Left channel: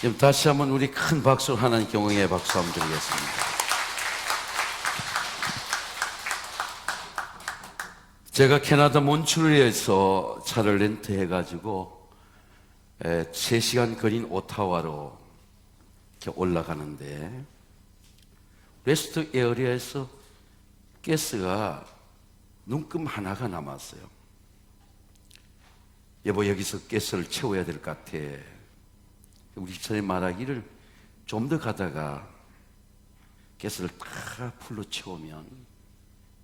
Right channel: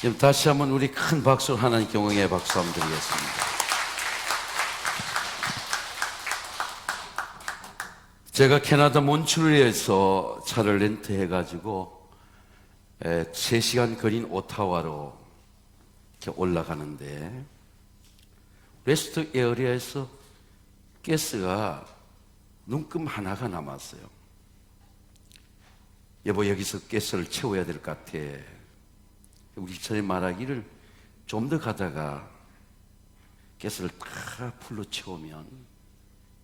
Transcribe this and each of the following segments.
지금 다시 한번 우리 큰 박수를 하나님께 영광의 박수 한번 드리겠습니다. 제가 캐나다 몬트리올에서 차를 렌트해가지고 3시간 거리인 오타와로 이렇게 올라가는데 레스트 에어리아에서 가스가 눈금 하나가 남았어요. 여보, 여기서 가스를 채워야 될 것 같아. 우리 집사람이 말하기를 좀 더 가다가 가스를 다 풀로 채우면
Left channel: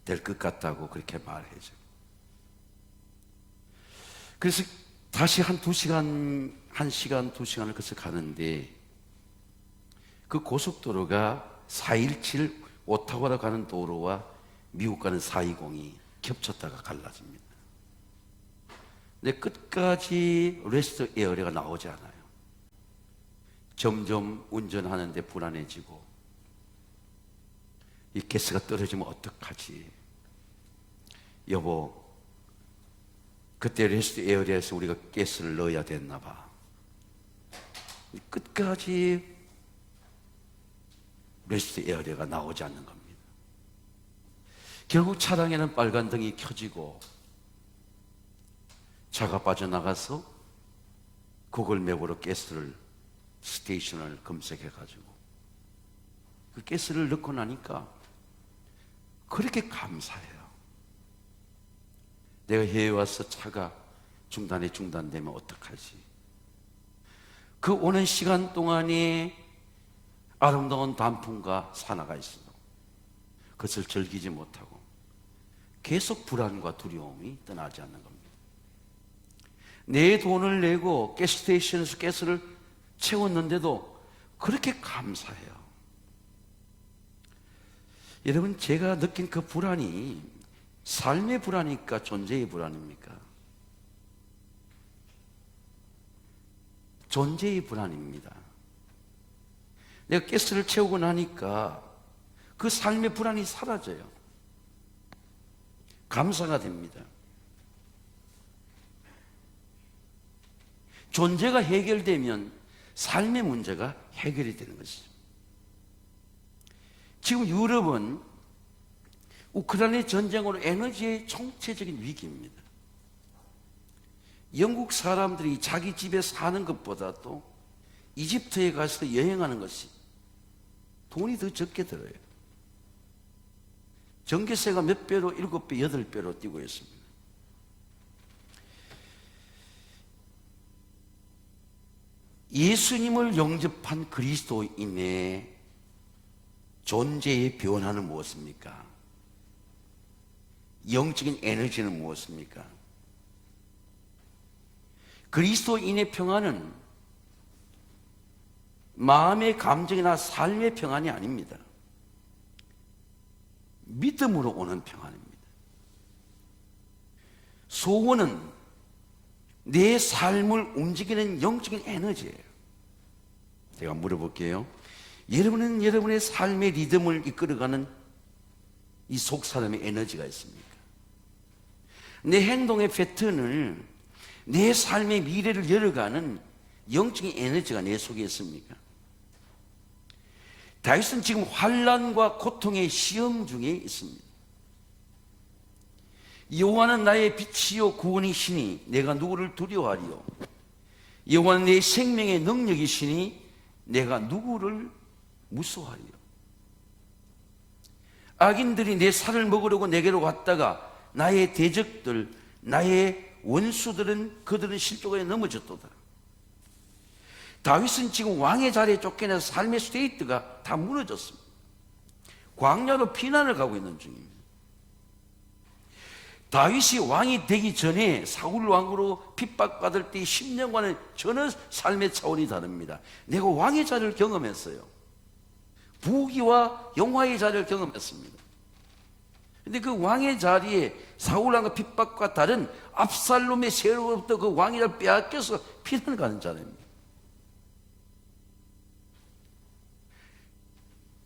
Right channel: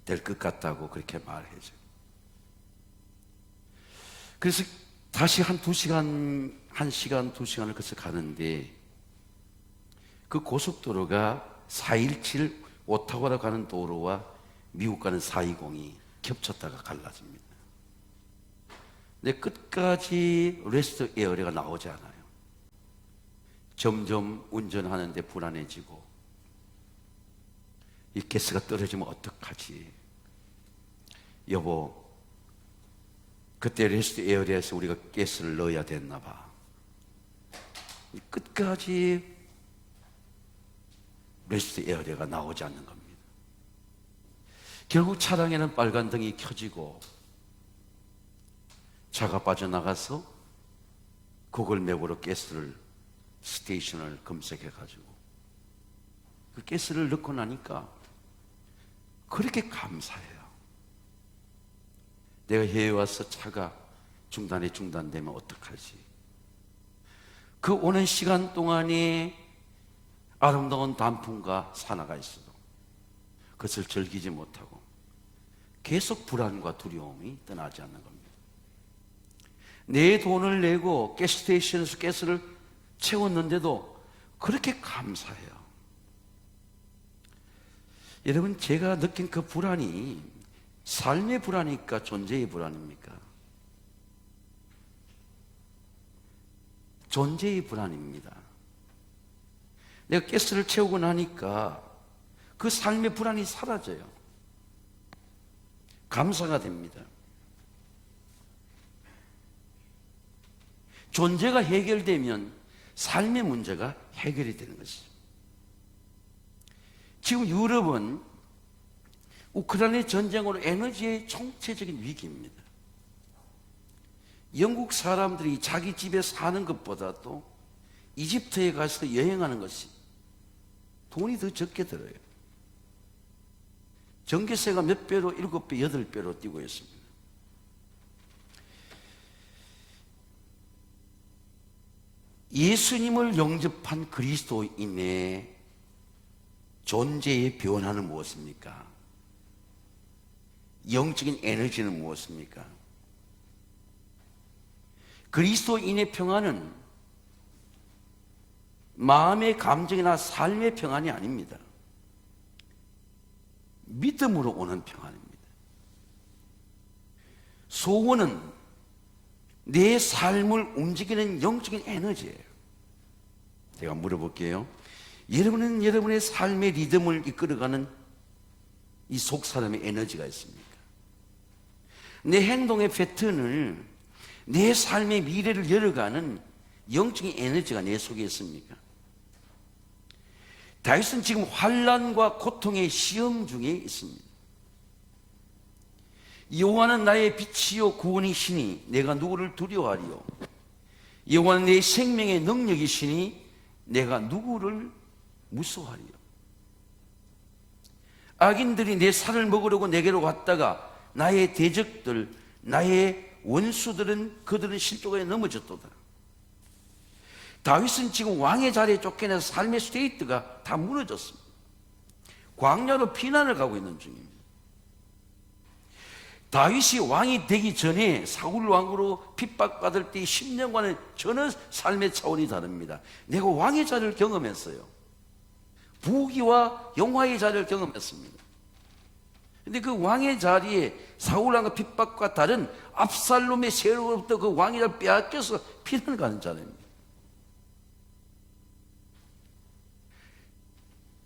될 것 같다고 그렇게 말해줘. 그래서 다시 한 2시간, 1시간, 2시간을 거쳐 가는데 그 고속도로가 417 오타와로 가는 도로와 미국 가는 420이 겹쳤다가 갈라집니다. 근데 끝까지 레스트 에어리가 나오지 않아요. 점점 운전하는데 불안해지고 이 가스가 떨어지면 어떡하지? 여보, 그때 레스트 에어리아에서 우리가 가스를 넣어야 됐나 봐. 끝까지 레스트 에어리아가 나오지 않는 겁니다. 결국 차량에는 빨간 등이 켜지고 차가 빠져나가서 구글 맵으로 가스를 스테이션을 검색해가지고 그 가스를 넣고 나니까 그렇게 감사해요. 내가 해외 와서 차가 중단되면 어떡하지? 그 오는 시간 동안에 아름다운 단풍과 산화가 있어도 그것을 즐기지 못하고 계속 불안과 두려움이 떠나지 않는 겁니다. 내 돈을 내고 가스스테이션에서 가스를 채웠는데도 그렇게 감사해요. 여러분, 제가 느낀 그 불안이 삶의 불안입니까? 존재의 불안입니까? 존재의 불안입니다. 내가 가스를 채우고 나니까 그 삶의 불안이 사라져요. 감사가 됩니다. 존재가 해결되면 삶의 문제가 해결이 되는 것이죠. 지금 유럽은 우크라이나 전쟁으로 에너지의 총체적인 위기입니다. 영국 사람들이 자기 집에 사는 것보다도 이집트에 가서 여행하는 것이 돈이 더 적게 들어요. 전기세가 몇 배로, 7배, 8배로 뛰고 있습니다. 예수님을 영접한 그리스도인의 존재의 변화는 무엇입니까? 영적인 에너지는 무엇입니까? 그리스도인의 평안은 마음의 감정이나 삶의 평안이 아닙니다. 믿음으로 오는 평안입니다. 소원은 내 삶을 움직이는 영적인 에너지예요. 제가 물어볼게요. 여러분은 여러분의 삶의 리듬을 이끌어가는 이 속사람의 에너지가 있습니까? 내 행동의 패턴을, 내 삶의 미래를 열어가는 영적인 에너지가 내 속에 있습니까? 다윗은 지금 환난과 고통의 시험 중에 있습니다. 여호와는 나의 빛이요 구원이시니 내가 누구를 두려워하리요? 여호와는 내 생명의 능력이시니 내가 누구를 무서워하리요? 악인들이 내 살을 먹으려고 내게로 왔다가 나의 대적들, 나의 원수들은 그들은 실족에 넘어졌도다. 다윗은 지금 왕의 자리에 쫓겨나서 삶의 스테이트가 다 무너졌습니다. 광야로 피난을 가고 있는 중입니다. 다윗이 왕이 되기 전에 사울 왕으로 핍박받을 때 10년간은 전혀 삶의 차원이 다릅니다. 내가 왕의 자리를 경험했어요. 부귀와 영화의 자리를 경험했습니다. 그런데 그 왕의 자리에 사울 왕의 핍박과 다른 압살롬의 세력으로부터 그 왕의 자리를 빼앗겨서 피난을 가는 자리입니다.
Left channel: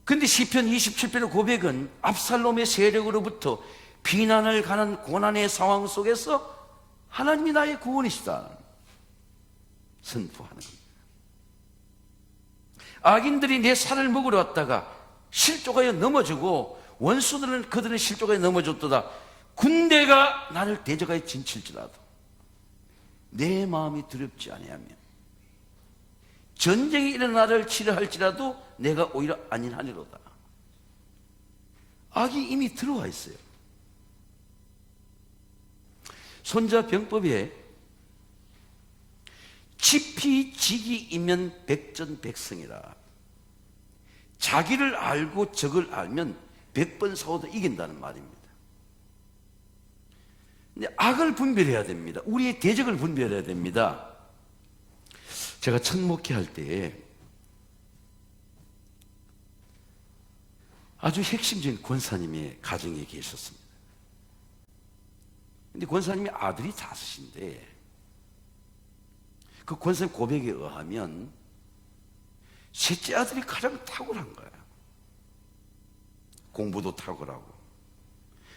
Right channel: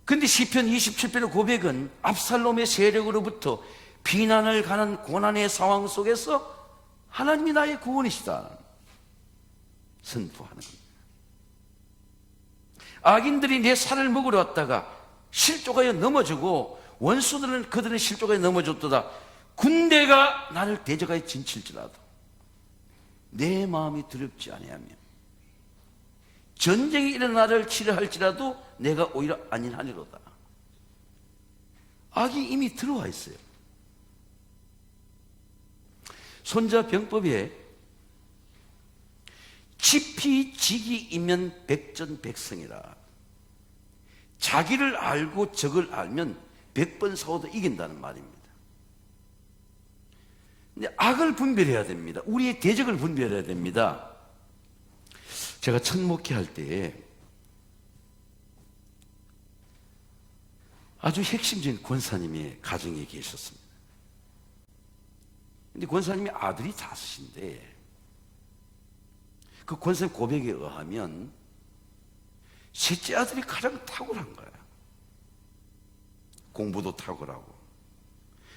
그런데 시편 27편의 고백은 압살롬의 세력으로부터 비난을 가는 고난의 상황 속에서 하나님이 나의 구원이시다 선포하는 겁니다. 악인들이 내 살을 먹으러 왔다가 실족하여 넘어지고 원수들은 그들의 실족하여 넘어졌도다. 군대가 나를 대적하여 진칠지라도 내 마음이 두렵지 아니하며 전쟁이 일어나를 치려 할지라도 내가 오히려 안일하니로다. 악이 이미 들어와 있어요. 손자병법에 지피지기이면 백전백승이라. 자기를 알고 적을 알면 100번 싸워도 이긴다는 말입니다. 근데 악을 분별해야 됩니다. 우리의 대적을 분별해야 됩니다. 제가 첫 목회할 때에 아주 핵심적인 권사님의 가정에 계셨습니다. 근데 권사님의 아들이 5인데 그 권사님 고백에 의하면 셋째 아들이 가장 탁월한 거예요. 공부도 탁월하고.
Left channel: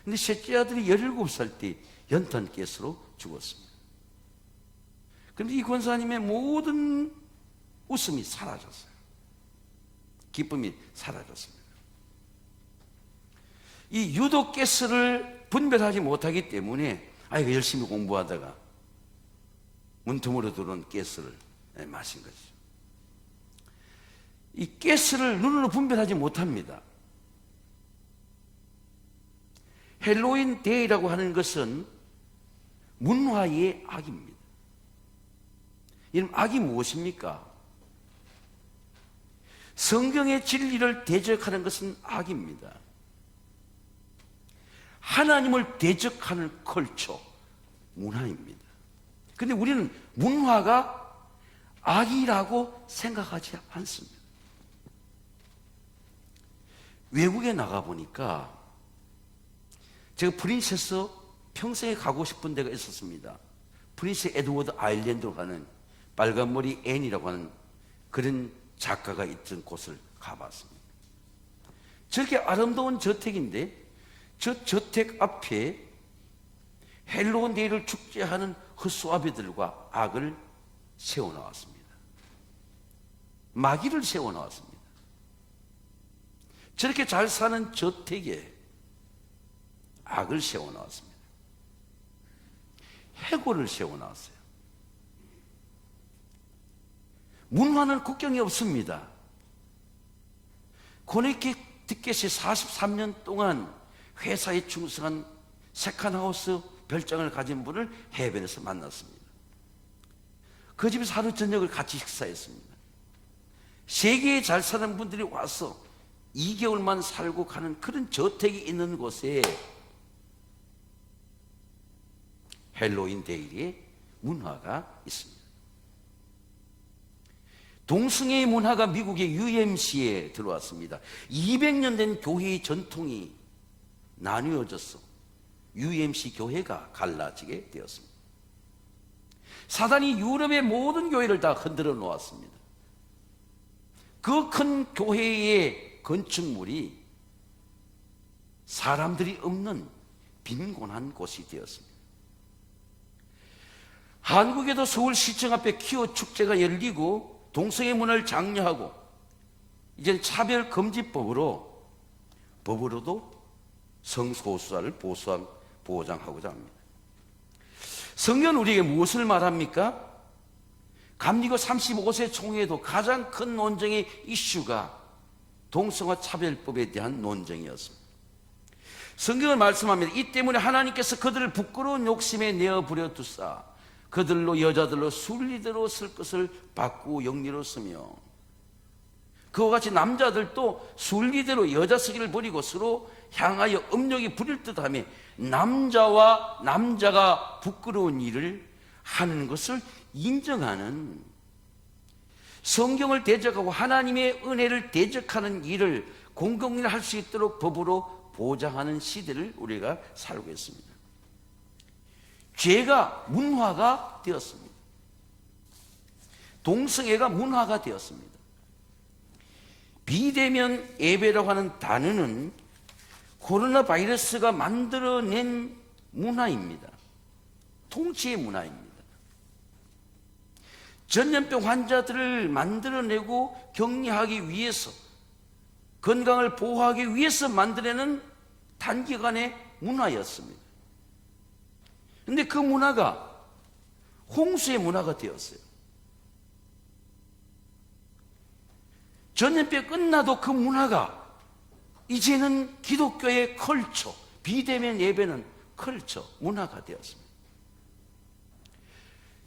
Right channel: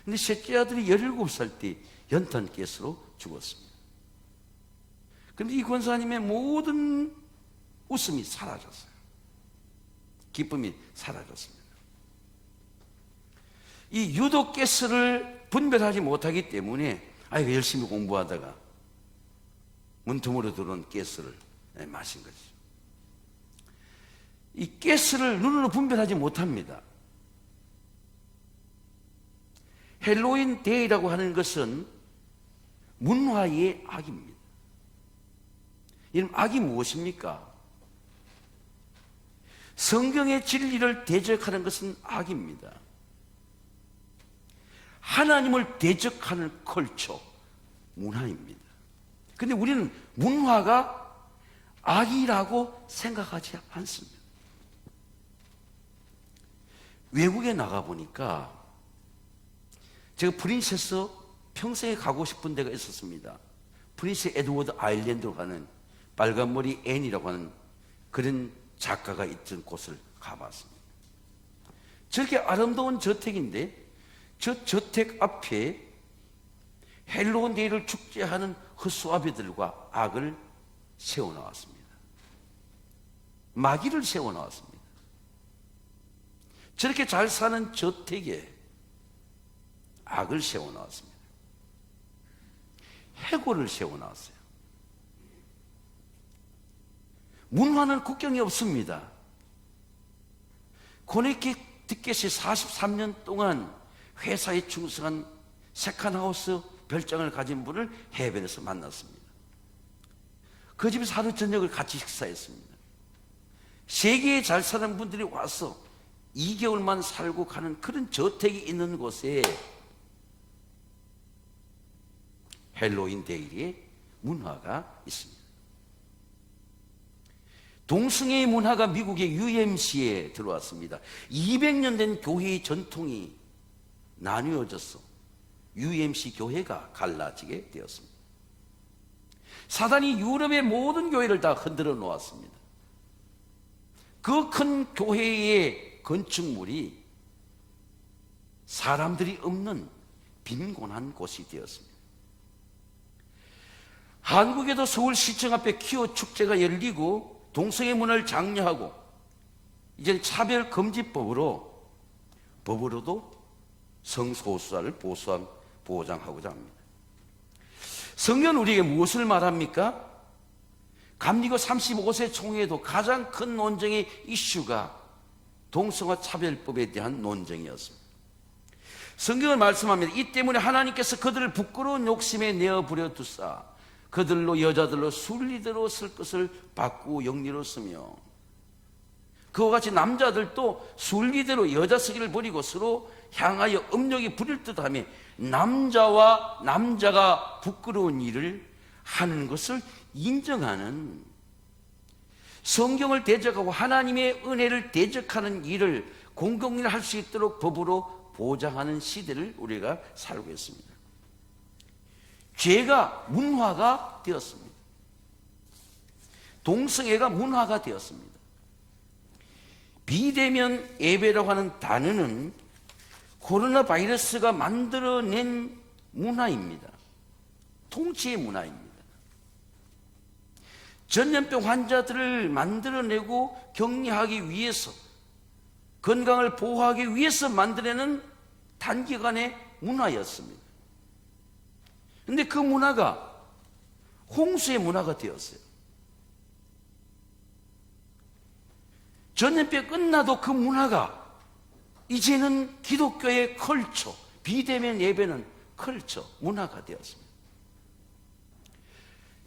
근데 셋째 아들이 17살 때 연탄가스로 죽었습니다. 그런데 이 권사님의 모든 웃음이 사라졌어요. 기쁨이 사라졌습니다. 이 유독가스를 분별하지 못하기 때문에 열심히 공부하다가 문틈으로 들어온 가스를 마신 거죠. 이 가스를 눈으로 분별하지 못합니다. 헬로윈 데이라고 하는 것은 문화의 악입니다. 이런 악이 무엇입니까? 성경의 진리를 대적하는 것은 악입니다. 하나님을 대적하는 컬처, 문화입니다. 그런데 우리는 문화가 악이라고 생각하지 않습니다. 외국에 나가보니까 제가 프린세스 평생에 가고 싶은 데가 있었습니다. 프린스 에드워드 아일랜드로 가는 빨간머리 앤이라고 하는 그런 작가가 있던 곳을 가봤습니다. 저렇게 아름다운 저택인데 저 저택 앞에 헬로윈 데이를 축제하는 헛수아비들과 악을 세워놓았습니다. 마귀를 세워놓았습니다. 저렇게 잘 사는 저택에 악을 세워놓았습니다. 해골을 세워놨어요. 문화는 국경이 없습니다. 코네티켓이 43년 동안 회사에 충성한 세컨하우스 별장을 가진 분을 해변에서 만났습니다. 그 집에서 하루 저녁을 같이 식사했습니다. 세계에 잘 사는 분들이 와서 2개월만 살고 가는 그런 저택이 있는 곳에 헬로윈 데이의 문화가 있습니다. 동성애의 문화가 미국의 UMC에 들어왔습니다. 200년 된 교회의 전통이 나뉘어져서 UMC 교회가 갈라지게 되었습니다. 사단이 유럽의 모든 교회를 다 흔들어 놓았습니다. 그 큰 교회의 건축물이 사람들이 없는 빈곤한 곳이 되었습니다. 한국에도 서울시청 앞에 퀴어 축제가 열리고 동성애 문화를 장려하고 이제는 차별금지법으로도 성소수자를 보장하고자 합니다. 성경은 우리에게 무엇을 말합니까? 감리교 35세 총회에도 가장 큰 논쟁의 이슈가 동성애 차별법에 대한 논쟁이었습니다. 성경은 말씀합니다. 이 때문에 하나님께서 그들을 부끄러운 욕심에 내어버려 두사 그들로 여자들로 순리대로 쓸 것을 바꾸고 영리로 쓰며 그와 같이 남자들도 순리대로 여자 쓰기를 버리고 서로 향하여 음욕이 부릴 듯하며 남자와 남자가 부끄러운 일을 하는 것을 인정하는 성경을 대적하고 하나님의 은혜를 대적하는 일을 공공연히 할 수 있도록 법으로 보장하는 시대를 우리가 살고 있습니다. 죄가 문화가 되었습니다. 동성애가 문화가 되었습니다. 비대면 예배라고 하는 단어는 코로나 바이러스가 만들어낸 문화입니다. 통치의 문화입니다. 전염병 환자들을 만들어내고 격리하기 위해서, 건강을 보호하기 위해서 만들어내는 단기간의 문화였습니다. 그런데 그 문화가 홍수의 문화가 되었어요. 전염병이 끝나도 그 문화가 이제는 기독교의 컬처, 비대면 예배는 컬처, 문화가 되었습니다.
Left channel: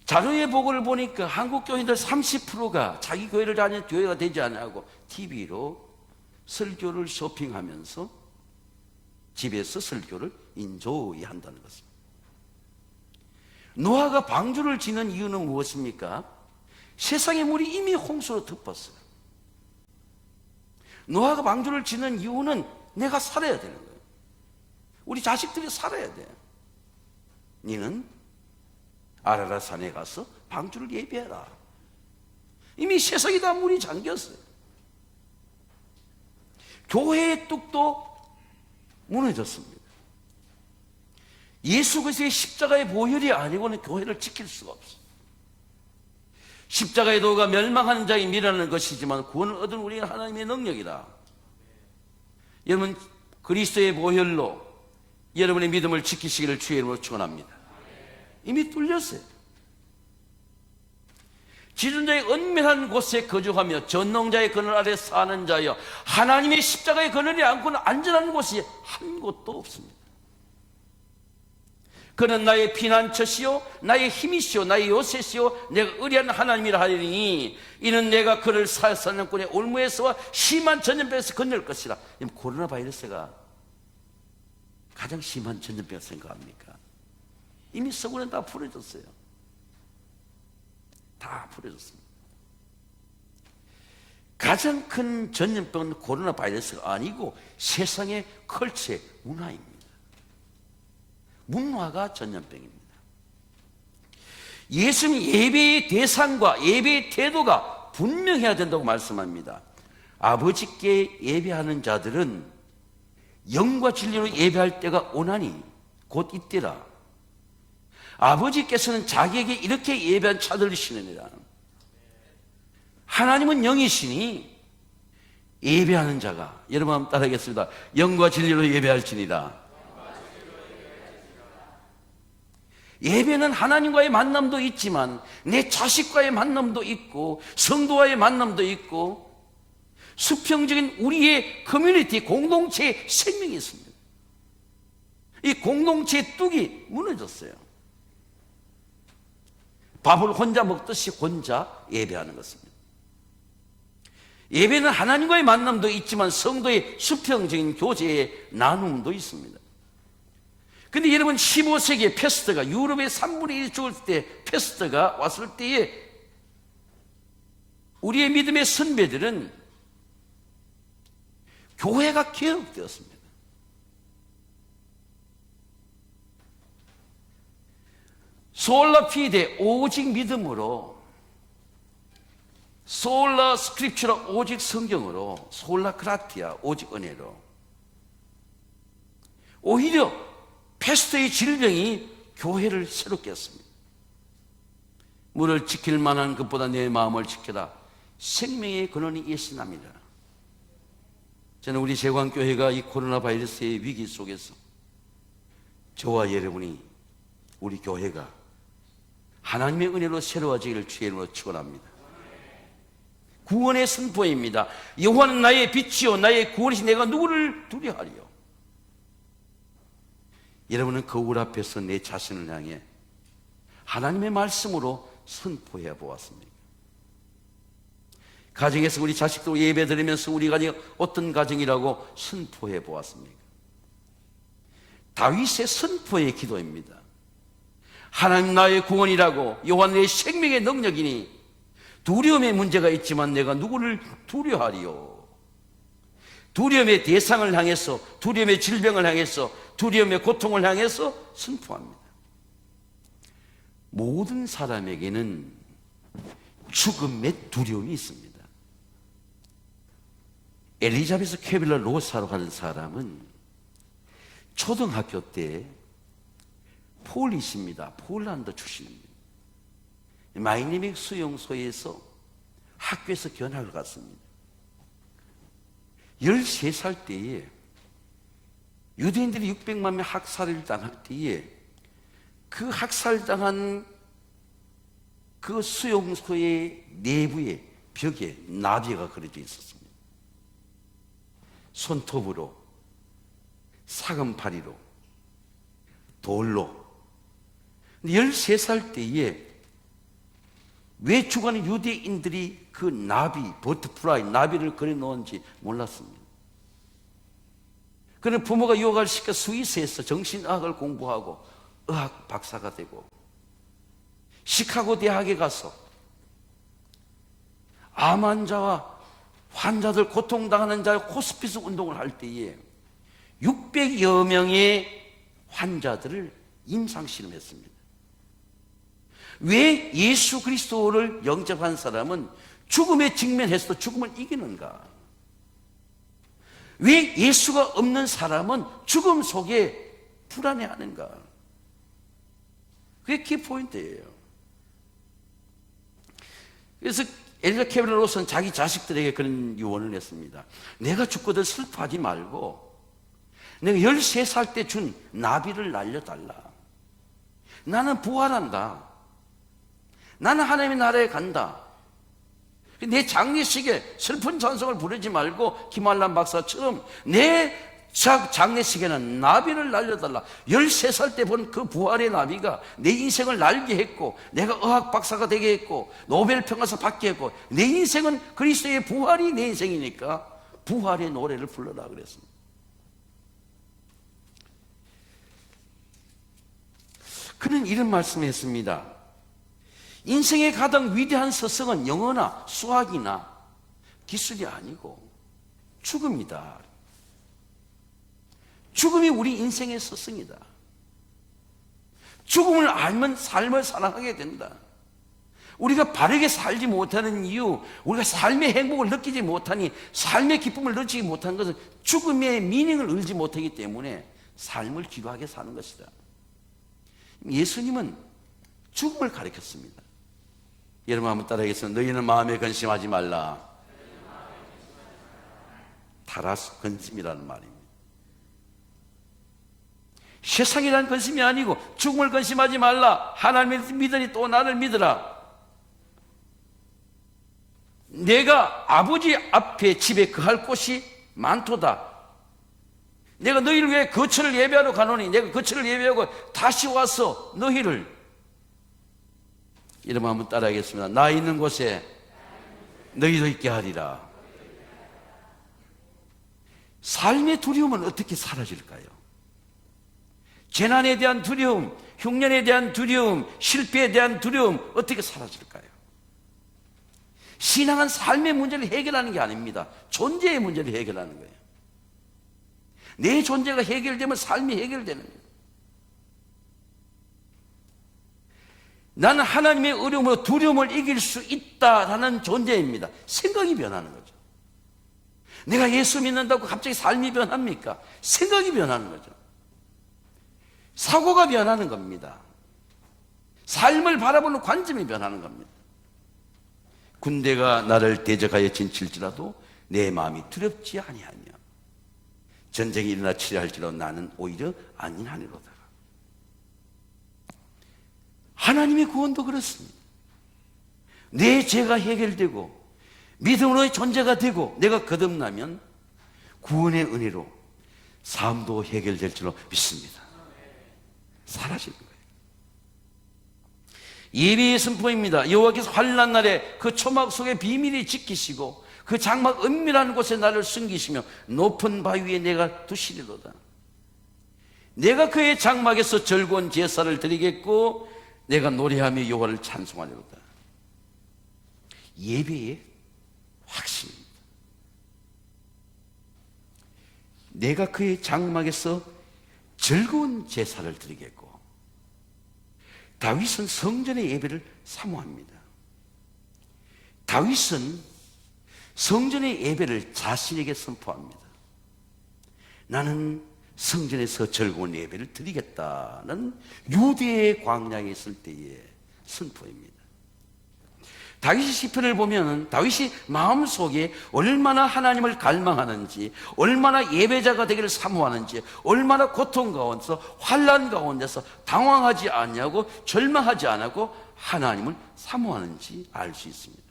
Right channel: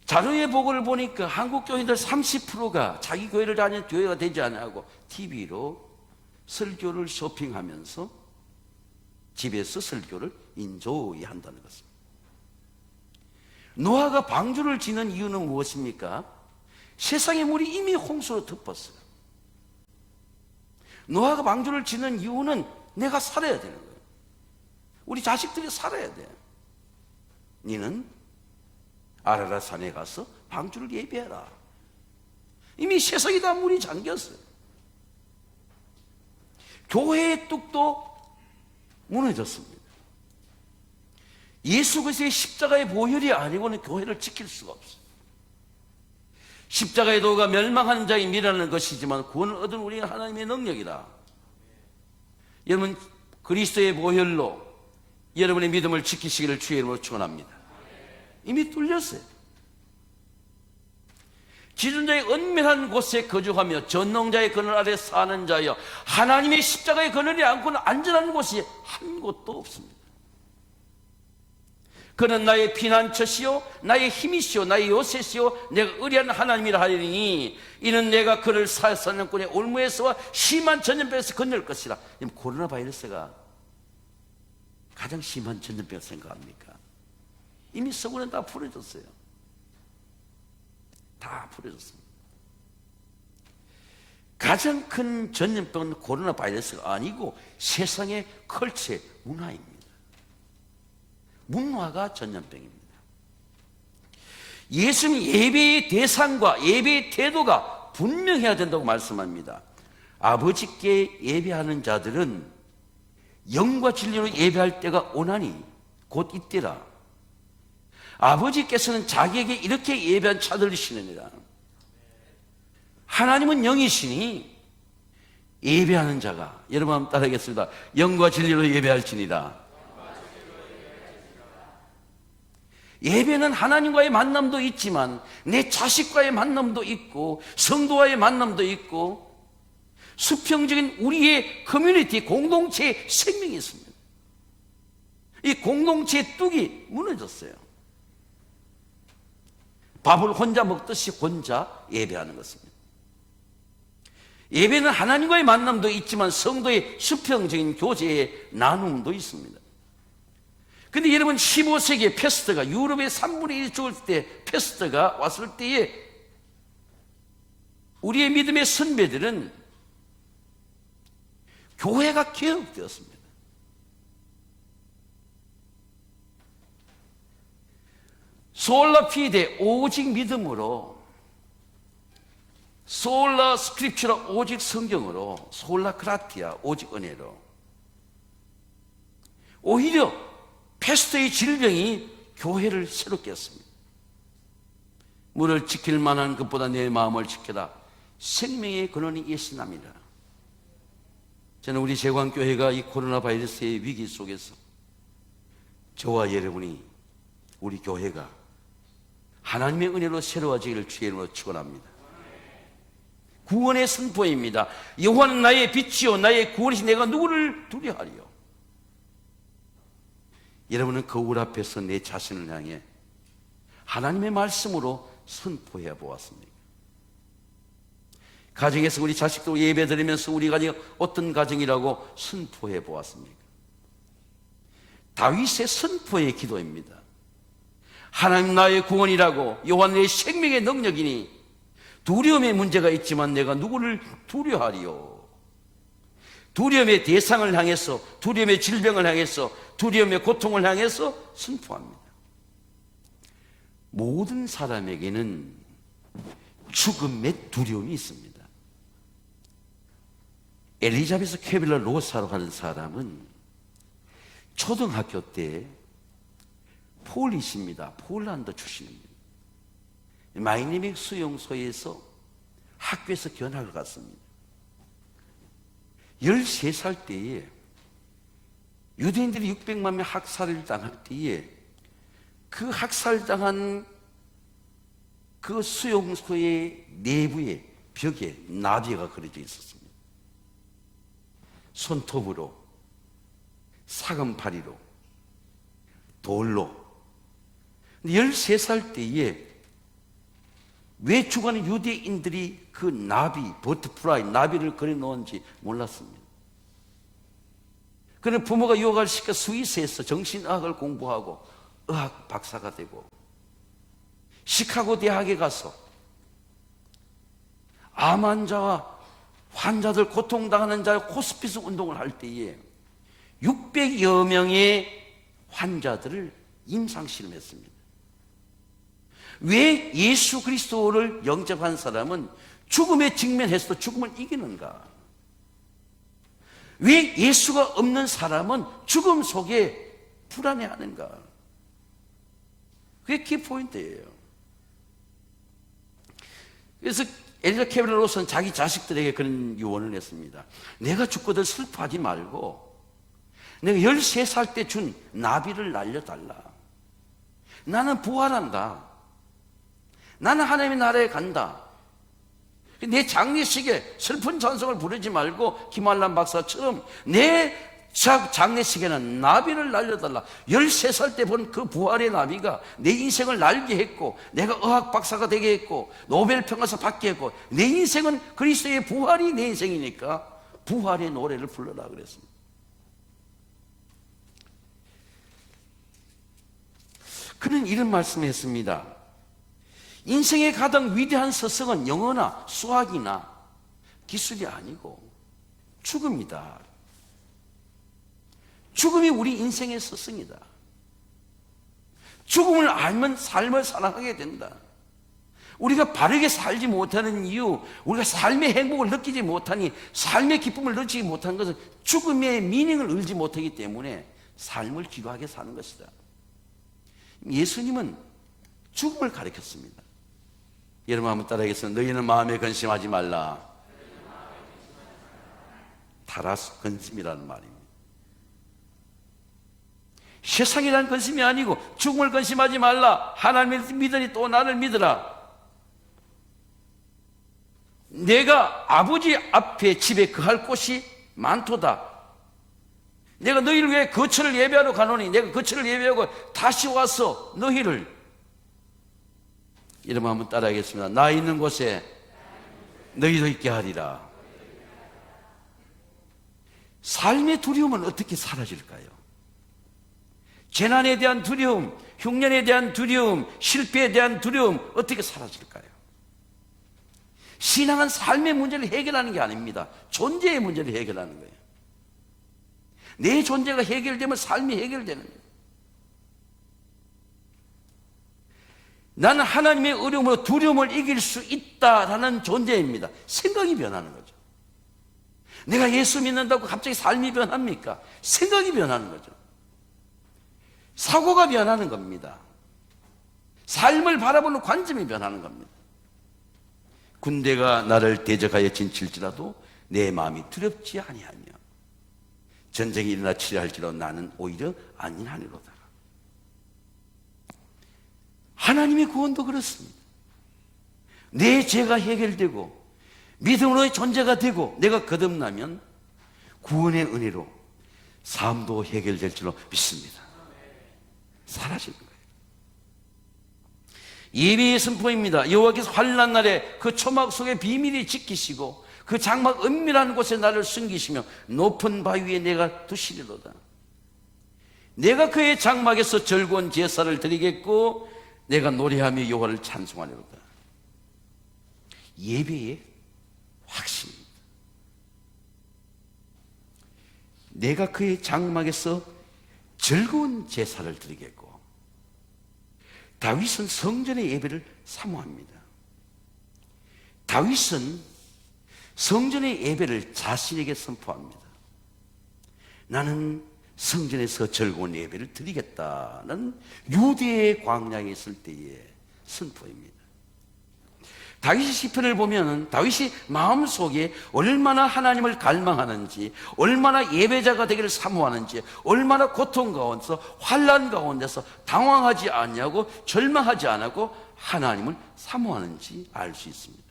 자료의 보고를 보니까 한국 교인들 30%가 자기 교회를 다니는 교회가 되지 않고 TV로 설교를 쇼핑하면서 집에서 설교를 인조이 한다는 것입니다. 노아가 방주를 지는 이유는 무엇입니까? 세상의 물이 이미 홍수로 덮었어요. 노아가 방주를 지는 이유는 내가 살아야 되는 거예요. 우리 자식들이 살아야 돼. 너는 아라라 산에 가서 방주를 예배해라. 이미 세상이 다 물이 잠겼어요. 교회의 뚝도 무너졌습니다. 예수 그리스도의 십자가의 보혈이 아니고는 교회를 지킬 수가 없어요. 십자가의 도가 멸망하는 자의 미라는 것이지만 구원을 얻은 우리는 하나님의 능력이다. 여러분, 그리스도의 보혈로 여러분의 믿음을 지키시기를 주의 이름으로 축원합니다. 이미 뚫렸어요. 지존자의 은밀한 곳에 거주하며 전능자의 그늘 아래 사는 자여, 하나님의 십자가의 그늘이 않고는 안전한 곳이 한 곳도 없습니다. 그는 나의 피난처시요 나의 힘이시요 나의 요새시요 내가 의리한 하나님이라 하리니 이는 내가 그를 사사년권의 올무에서와 심한 전염병에서 건널 것이라. 코로나 바이러스가 가장 심한 전염병을 생각합니까? 이미 서구는 다 풀어졌어요. 다 풀어졌습니다. 가장 큰 전염병은 코로나 바이러스가 아니고 세상의 컬처의 문화입니다. 문화가 전염병입니다. 예수님 예배의 대상과 예배의 태도가 분명해야 된다고 말씀합니다. 아버지께 예배하는 자들은 영과 진리로 예배할 때가 오나니 곧 이때라. 아버지께서는 자기에게 이렇게 예배한 자들이시느니라. 하나님은 영이시니 예배하는 자가, 여러분 한번 따라하겠습니다. 영과 진리로 예배할지니라. 예배는 하나님과의 만남도 있지만 내 자식과의 만남도 있고 성도와의 만남도 있고 수평적인 우리의 커뮤니티, 공동체의 생명이 있습니다. 이 공동체의 뚝이 무너졌어요. 밥을 혼자 먹듯이 혼자 예배하는 것입니다. 예배는 하나님과의 만남도 있지만 성도의 수평적인 교제의 나눔도 있습니다. 근데 여러분, 15세기에 패스트가 유럽의 3분의 1이 죽을 때 패스트가 왔을 때에 우리의 믿음의 선배들은 교회가 개혁되었습니다. 솔라 피데, 오직 믿음으로, 솔라 스크립처라, 오직 성경으로, 솔라 크라티아, 오직 은혜로. 오히려 패스트의 질병이 교회를 새롭게 했습니다. 물을 지킬 만한 것보다 내 마음을 지켜라. 생명의 근원이 예수님이라. 저는 우리 제광교회가 이 코로나 바이러스의 위기 속에서 저와 여러분이, 우리 교회가 하나님의 은혜로 새로워지기를 주의 이름으로 축원합니다. 구원의 선포입니다. 여호와는 나의 빛이요 나의 구원이시, 내가 누구를 두려워하리요. 여러분은 거울 앞에서 내 자신을 향해 하나님의 말씀으로 선포해 보았습니까? 가정에서 우리 자식도 예배 드리면서 우리 가정이 어떤 가정이라고 선포해 보았습니까? 다윗의 선포의 기도입니다. 하나님 나의 구원이라고, 여호와 내 생명의 능력이니 두려움의 문제가 있지만 내가 누구를 두려워하리요. 두려움의 대상을 향해서, 두려움의 질병을 향해서, 두려움의 고통을 향해서 선포합니다. 모든 사람에게는 죽음의 두려움이 있습니다. 엘리자베스 캐빌러 로사로 하는 사람은 초등학교 때 폴리시입니다. 폴란드 출신입니다. 마이애미 수용소에서 학교에서 견학을 갔습니다. 13살 때에 유대인들이 600만 명 학살을 당할 때에 그 학살당한 그 수용소의 내부에 벽에 나비가 그려져 있었습니다. 손톱으로, 사금파리로, 돌로. 13살 때에 왜 죽어가는 유대인들이 그 나비, 버터플라이, 나비를 그려놓은지 몰랐습니다. 그는 부모가 유학을 시켜 스위스에서 정신의학을 공부하고 의학 박사가 되고 시카고 대학에 가서 암 환자와 환자들, 고통당하는 자의 호스피스 운동을 할 때에 600여 명의 환자들을 임상실험했습니다. 왜 예수 그리스도를 영접한 사람은 죽음에 직면해서도 죽음을 이기는가? 왜 예수가 없는 사람은 죽음 속에 불안해하는가? 그게 키포인트예요. 그래서 엘리자 케블러 로스는 자기 자식들에게 그런 유언을 했습니다. 내가 죽거든 슬퍼하지 말고 내가 13살 때 준 나비를 날려달라. 나는 부활한다. 나는 하나님의 나라에 간다. 내 장례식에 슬픈 찬송을 부르지 말고 김한란 박사처럼 내 장례식에는 나비를 날려달라. 13살 때 본 그 부활의 나비가 내 인생을 날게 했고 내가 의학 박사가 되게 했고 노벨 평화상 받게 했고 내 인생은 그리스도의 부활이 내 인생이니까 부활의 노래를 불러라 그랬습니다. 그는 이런 말씀을 했습니다. 인생의 가장 위대한 서성은 영어나 수학이나 기술이 아니고 죽음이다. 죽음이 우리 인생의 서성이다. 죽음을 알면 삶을 살아가게 된다. 우리가 바르게 살지 못하는 이유, 우리가 삶의 행복을 느끼지 못하니, 삶의 기쁨을 느끼지 못하는 것은 죽음의 미닝을 알지 못하기 때문에 삶을 기도하게 사는 것이다. 예수님은 죽음을 가르쳤습니다. 여러분 한번 따라하겠습니다. 너희는 마음에 근심하지 말라. 타라스 근심이라는 말입니다. 세상이란 근심이 아니고 죽음을 근심하지 말라. 하나님을 믿으니 또 나를 믿으라. 내가 아버지 앞에 집에 거할 곳이 많도다. 내가 너희를 위해 거처를 예배하러 가노니 내가 거처를 예배하고 다시 와서 너희를, 여러분 한번 따라하겠습니다. 나 있는 곳에 너희도 있게 하리라. 삶의 두려움은 어떻게 사라질까요? 재난에 대한 두려움, 흉년에 대한 두려움, 실패에 대한 두려움 어떻게 사라질까요? 신앙은 삶의 문제를 해결하는 게 아닙니다. 존재의 문제를 해결하는 거예요. 내 존재가 해결되면 삶이 해결되는 거예요. 나는 하나님의 어려움으로 두려움을 이길 수 있다라는 존재입니다. 생각이 변하는 거죠. 내가 예수 믿는다고 갑자기 삶이 변합니까? 생각이 변하는 거죠. 사고가 변하는 겁니다. 삶을 바라보는 관점이 변하는 겁니다. 군대가 나를 대적하여 진칠지라도 내 마음이 두렵지 아니하며 전쟁이 일어나 치료할지라도 나는 오히려 안일하리로다. 하나님의 구원도 그렇습니다. 내 죄가 해결되고 믿음으로의 존재가 되고 내가 거듭나면 구원의 은혜로 삶도 해결될 줄로 믿습니다. 사라질 거예요. 예비의 선포입니다. 여호와께서 환난 날에 그 초막 속에 비밀히 지키시고 그 장막 은밀한 곳에 나를 숨기시며 높은 바위 위에 내가 두시리로다. 내가 그의 장막에서 즐거운 제사를 드리겠고 내가 노래하며 여호와를 찬송하리로다. 예배의 확신입니다. 내가 그의 장막에서 즐거운 제사를 드리겠고, 다윗은 성전의 예배를 사모합니다. 다윗은 성전의 예배를 자신에게 선포합니다. 나는 성전에서 즐거운 예배를 드리겠다는 유대의 광야에 있을 때의 선포입니다. 다윗의 시편을 보면 다윗이 마음속에 얼마나 하나님을 갈망하는지, 얼마나 예배자가 되기를 사모하는지, 얼마나 고통 가운데서 환난 가운데서 당황하지 않냐고 절망하지 않고 하나님을 사모하는지 알 수 있습니다.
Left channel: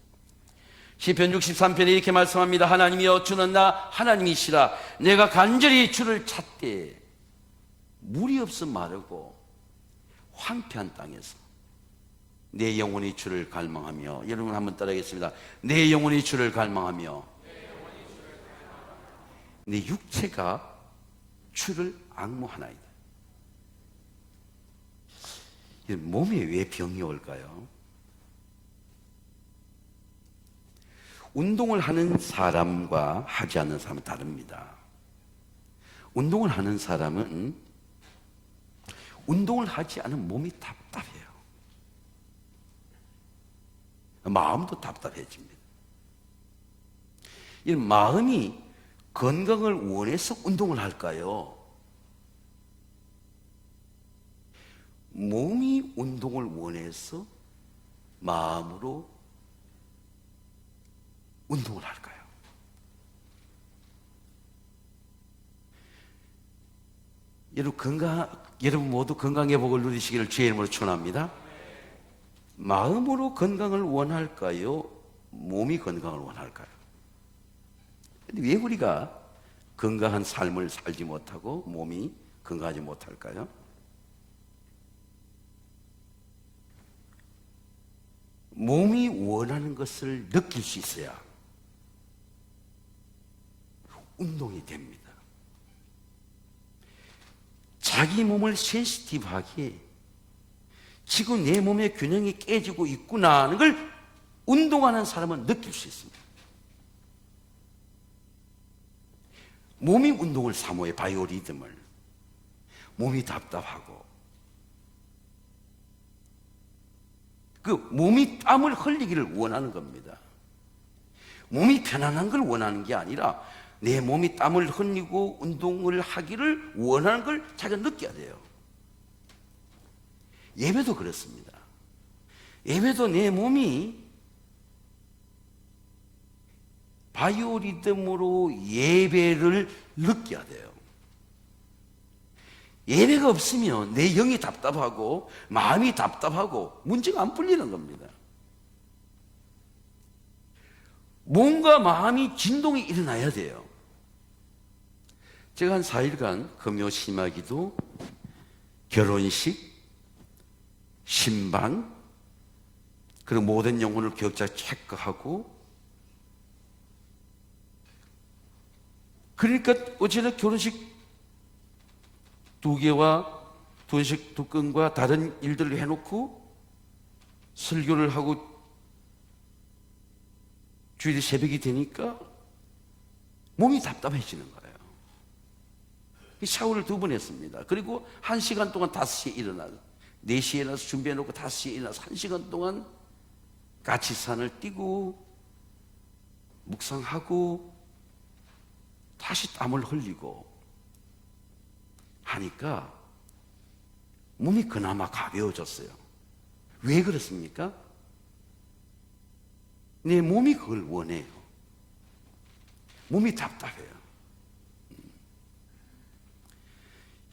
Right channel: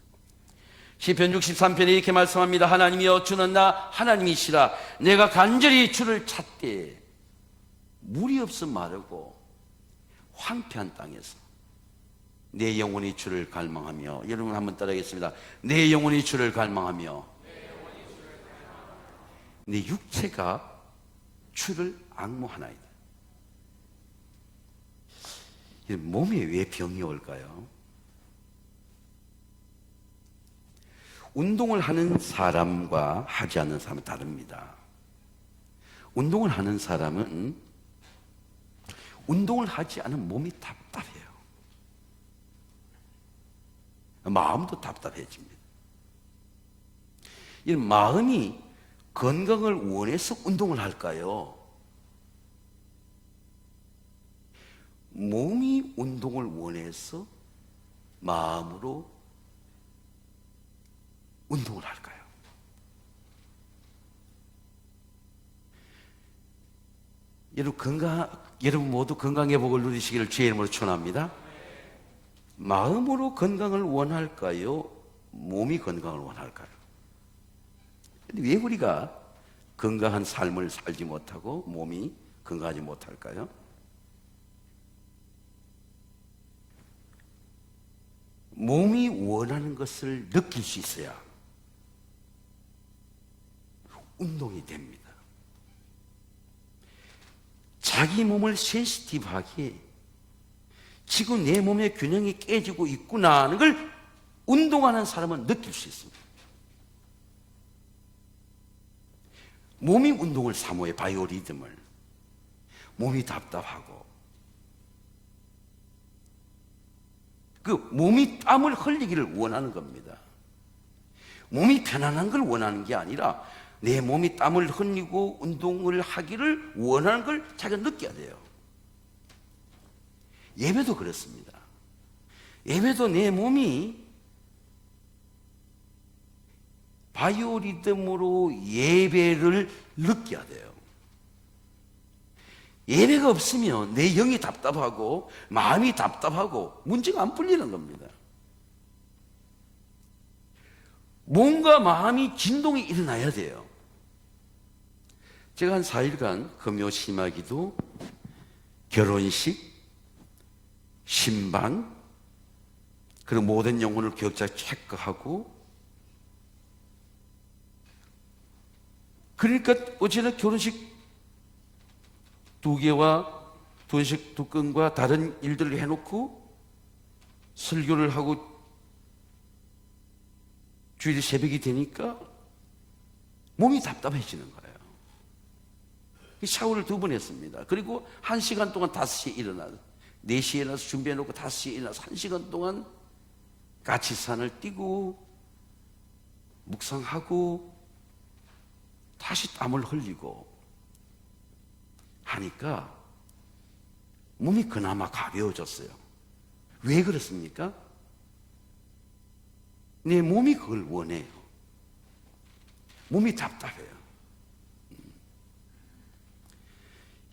시편 63편에 이렇게 말씀합니다. 하나님이여 주는 나 하나님이시라. 내가 간절히 주를 찾되 물이 없음 마르고 황폐한 땅에서 내 영혼이 주를 갈망하며. 여러분 한번 따라하겠습니다. 내 영혼이 주를 갈망하며 내 육체가 주를 앙모하나이다. 몸에 왜 병이 올까요? 운동을 하는 사람과 하지 않는 사람은 다릅니다. 운동을 하는 사람은 운동을 하지 않으면 몸이 답답해요. 마음도 답답해집니다. 이 마음이 건강을 원해서 운동을 할까요? 몸이 운동을 원해서 마음으로 운동을 할까요? 여러분 모두 건강의 복을 누리시기를 주의 이름으로 축원합니다. 마음으로 건강을 원할까요? 몸이 건강을 원할까요? 왜 우리가 건강한 삶을 살지 못하고 몸이 건강하지 못할까요? 몸이 원하는 것을 느낄 수 있어야 운동이 됩니다. 자기 몸을 센시티브하게 지금 내 몸의 균형이 깨지고 있구나 하는 걸 운동하는 사람은 느낄 수 있습니다. 몸이 운동을 사모해. 바이오리듬을. 몸이 답답하고 그 몸이 땀을 흘리기를 원하는 겁니다. 몸이 편안한 걸 원하는 게 아니라 내 몸이 땀을 흘리고 운동을 하기를 원하는 걸 자기가 느껴야 돼요. 예배도 그렇습니다. 예배도 내 몸이 바이오리듬으로 예배를 느껴야 돼요. 예배가 없으면 내 영이 답답하고 마음이 답답하고 문제가 안 풀리는 겁니다. 몸과 마음이 진동이 일어나야 돼요. 제가 한 4일간 금요 심화기도, 결혼식, 신방, 그리고 모든 영혼을 교육자 체크하고, 그러니까 어제는 결혼식 2개와 결혼식 2건과 다른 일들을 해놓고 설교를 하고 주일 새벽이 되니까 몸이 답답해지는 거예요. 샤워를 2번 했습니다. 그리고 1시간 동안 5시에 일어나서 4시에 일어나서 준비해놓고 5시에 일어나서 1시간 동안 가치산을 뛰고 묵상하고 다시 땀을 흘리고 하니까 몸이 그나마 가벼워졌어요. 왜 그렇습니까? 내 몸이 그걸 원해요. 몸이 답답해요.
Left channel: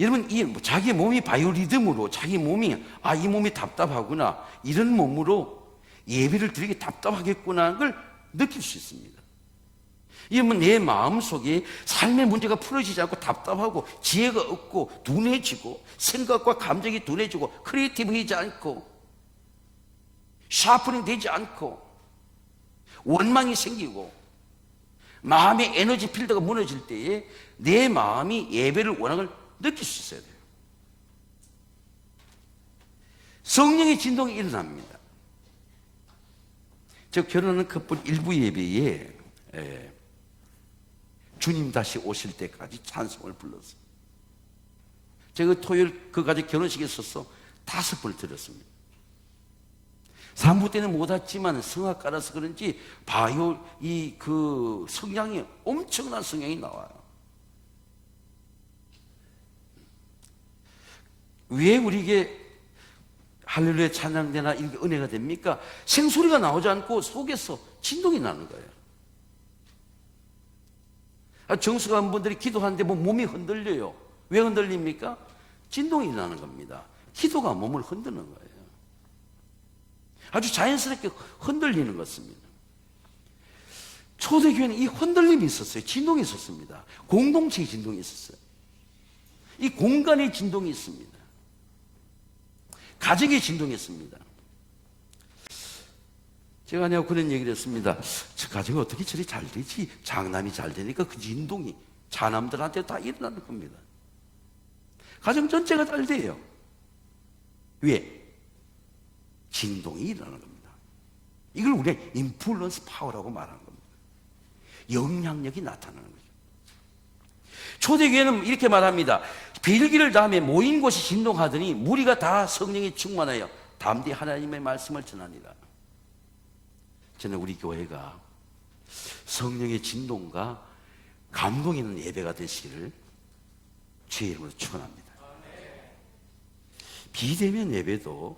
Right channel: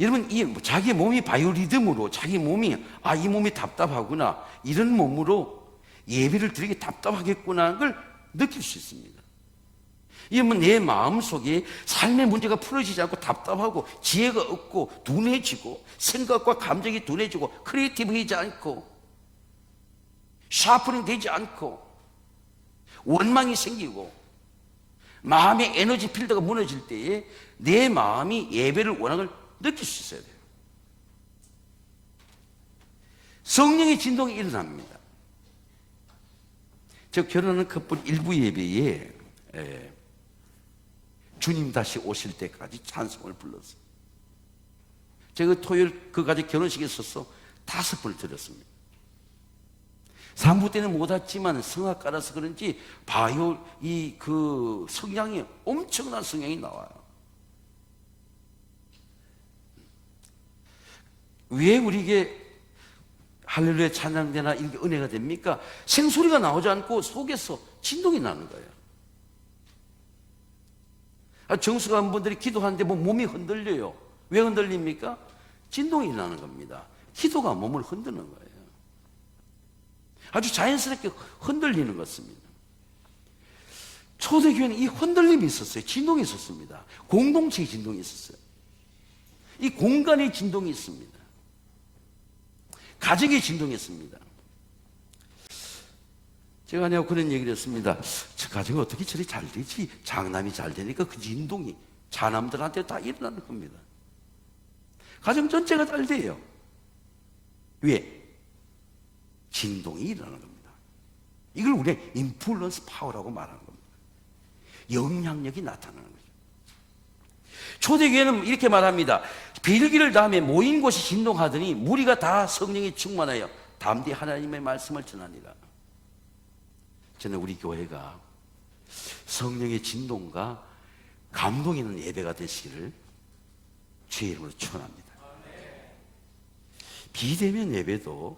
여러분, 자기 몸이 바이오리듬으로 자기 몸이 이 몸이 답답하구나, 이런 몸으로 예배를 드리기 답답하겠구나 하는 걸 느낄 수 있습니다. 이러면 내 마음속에 삶의 문제가 풀어지지 않고 답답하고 지혜가 없고 둔해지고 생각과 감정이 둔해지고 크리에이티브이지 않고 샤프닝 되지 않고 원망이 생기고 마음의 에너지 필드가 무너질 때에 내 마음이 예배를 원하는 걸 느낄 수 있어야 돼요. 성령의 진동이 일어납니다. 저 결혼하는 커플 일부 예배에 주님 다시 오실 때까지 찬송을 불렀어요. 제가 토요일 그까지 결혼식에 있어서 5번을 들었습니다. 3부 때는 못 왔지만 성악가라서 그런지 그 성향이 엄청난 성향이 나와요. 왜 우리에게 할렐루야 찬양되나 이게 은혜가 됩니까? 생소리가 나오지 않고 속에서 진동이 나는 거예요. 정숙한 분들이 기도하는데 뭐 몸이 흔들려요. 왜 흔들립니까? 진동이 나는 겁니다. 기도가 몸을 흔드는 거예요. 아주 자연스럽게 흔들리는 것입니다. 초대교회는 이 흔들림이 있었어요. 진동이 있었습니다. 공동체의 진동이 있었어요. 이 공간의 진동이 있습니다. 가정의 진동이 있습니다. 제가 내가 그런 얘기를 했습니다. 저 가정이 어떻게 저리 잘 되지? 장남이 잘 되니까 그 진동이 자남들한테 다 일어나는 겁니다. 가정 전체가 잘 돼요. 왜? 진동이 일어나는 겁니다. 이걸 우리가 인플루언스 파워라고 말하는 겁니다. 영향력이 나타나는 거죠. 초대교회는 이렇게 말합니다. 빌기를 다음에 모인 곳이 진동하더니 무리가 다 성령이 충만하여 담대 하나님의 말씀을 전하니라. 저는 우리 교회가 성령의 진동과 감동이 있는 예배가 되시기를 주의 이름으로 축원합니다. 비대면 예배도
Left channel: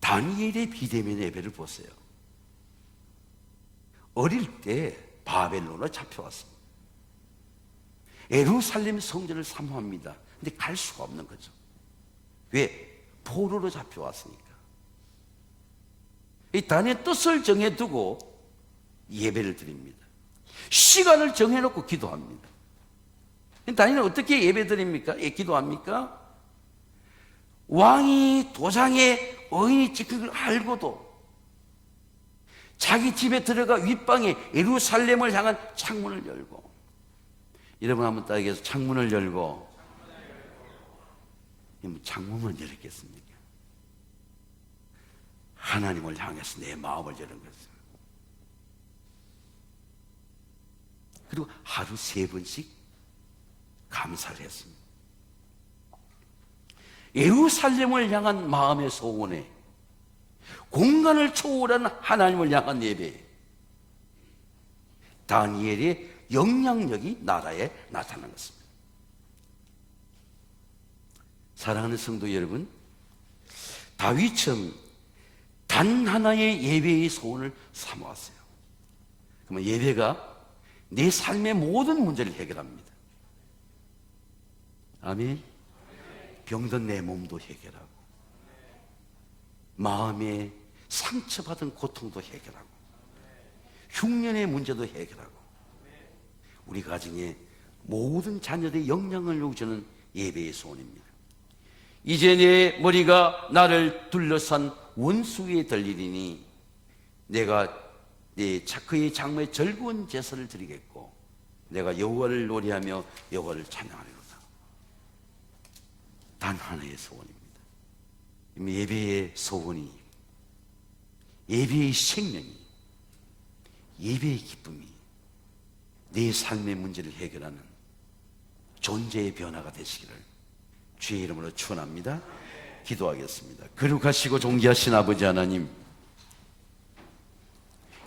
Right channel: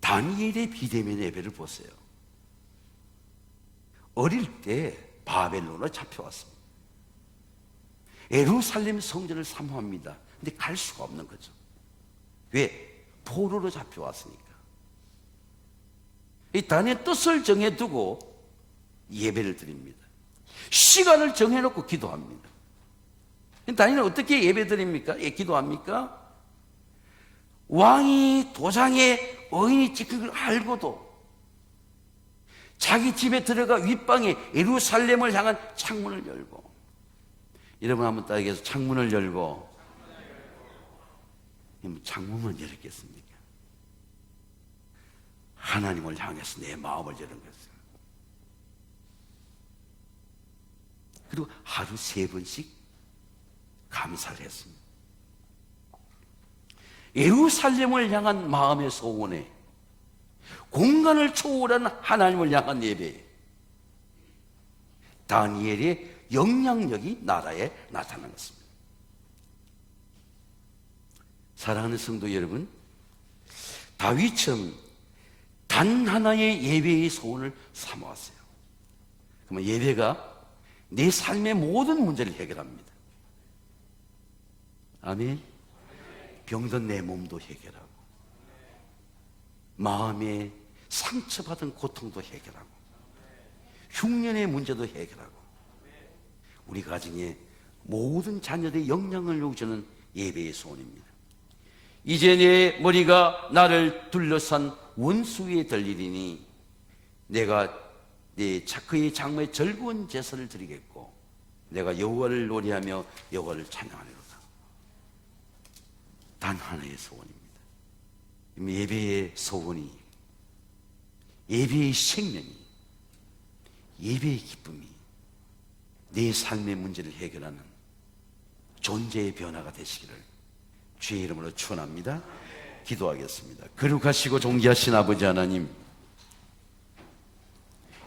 다니엘의 비대면 예배를 보세요. 어릴 때 바벨론에 잡혀왔습니다. 예루살렘 성전을 사모합니다. 근데 갈 수가 없는 거죠. 왜? 포로로 잡혀왔으니까. 이 다니엘 뜻을 정해두고 예배를 드립니다. 시간을 정해놓고 기도합니다. 다니엘은 어떻게 예배 드립니까? 예, 기도합니까? 왕이 도장에 어인이 찍힌 걸 알고도 자기 집에 들어가 윗방에 예루살렘을 향한 창문을 열고, 여러분 한번 딱 얘기해서 창문을 열고, 창문을 열었겠습니까? 하나님을 향해서 내 마음을 여는 것을. 그리고 하루 3번씩 감사를 했습니다. 예루살렘을 향한 마음의 소원에 공간을 초월한 하나님을 향한 예배, 다니엘의 영향력이 나라에 나타난 것입니다. 사랑하는 성도 여러분, 다윗처럼 단 하나의 예배의 소원을 삼아왔어요. 그러면 예배가 내 삶의 모든 문제를 해결합니다. 아멘. 병든 내 몸도 해결하고, 마음에 상처받은 고통도 해결하고, 흉년의 문제도 해결하고, 우리 가정의 모든 자녀들의 영향을 요구하는 예배의 소원입니다. 이제 내 머리가 나를 둘러싼 원수 위에 들리리니 내가 내 그의 장모의 즐거운 제사를 드리겠고 내가 여호와를 노래하며 여호와를 찬양하리로다. 단 하나의 소원입니다. 예배의 소원이, 예배의 생명이, 예배의 기쁨이 내 삶의 문제를 해결하는 존재의 변화가 되시기를 주의 이름으로 축원합니다. 기도하겠습니다. 거룩하시고 존귀하신 아버지 하나님,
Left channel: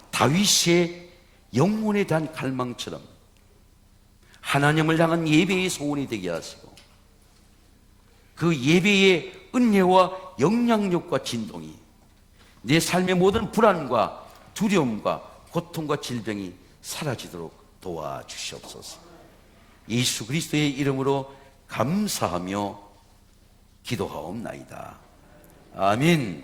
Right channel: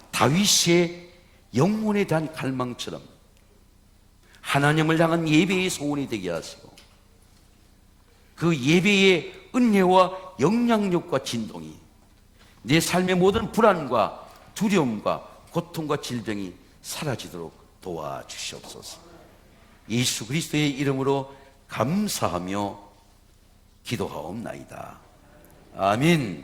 다윗의 영혼에 대한 갈망처럼 하나님을 향한 예배의 소원이 되게 하시고 그 예배의 은혜와 영향력과 진동이 내 삶의 모든 불안과 두려움과 고통과 질병이 사라지도록 도와주시옵소서. 예수 그리스도의 이름으로 감사하며 기도하옵나이다. 아멘.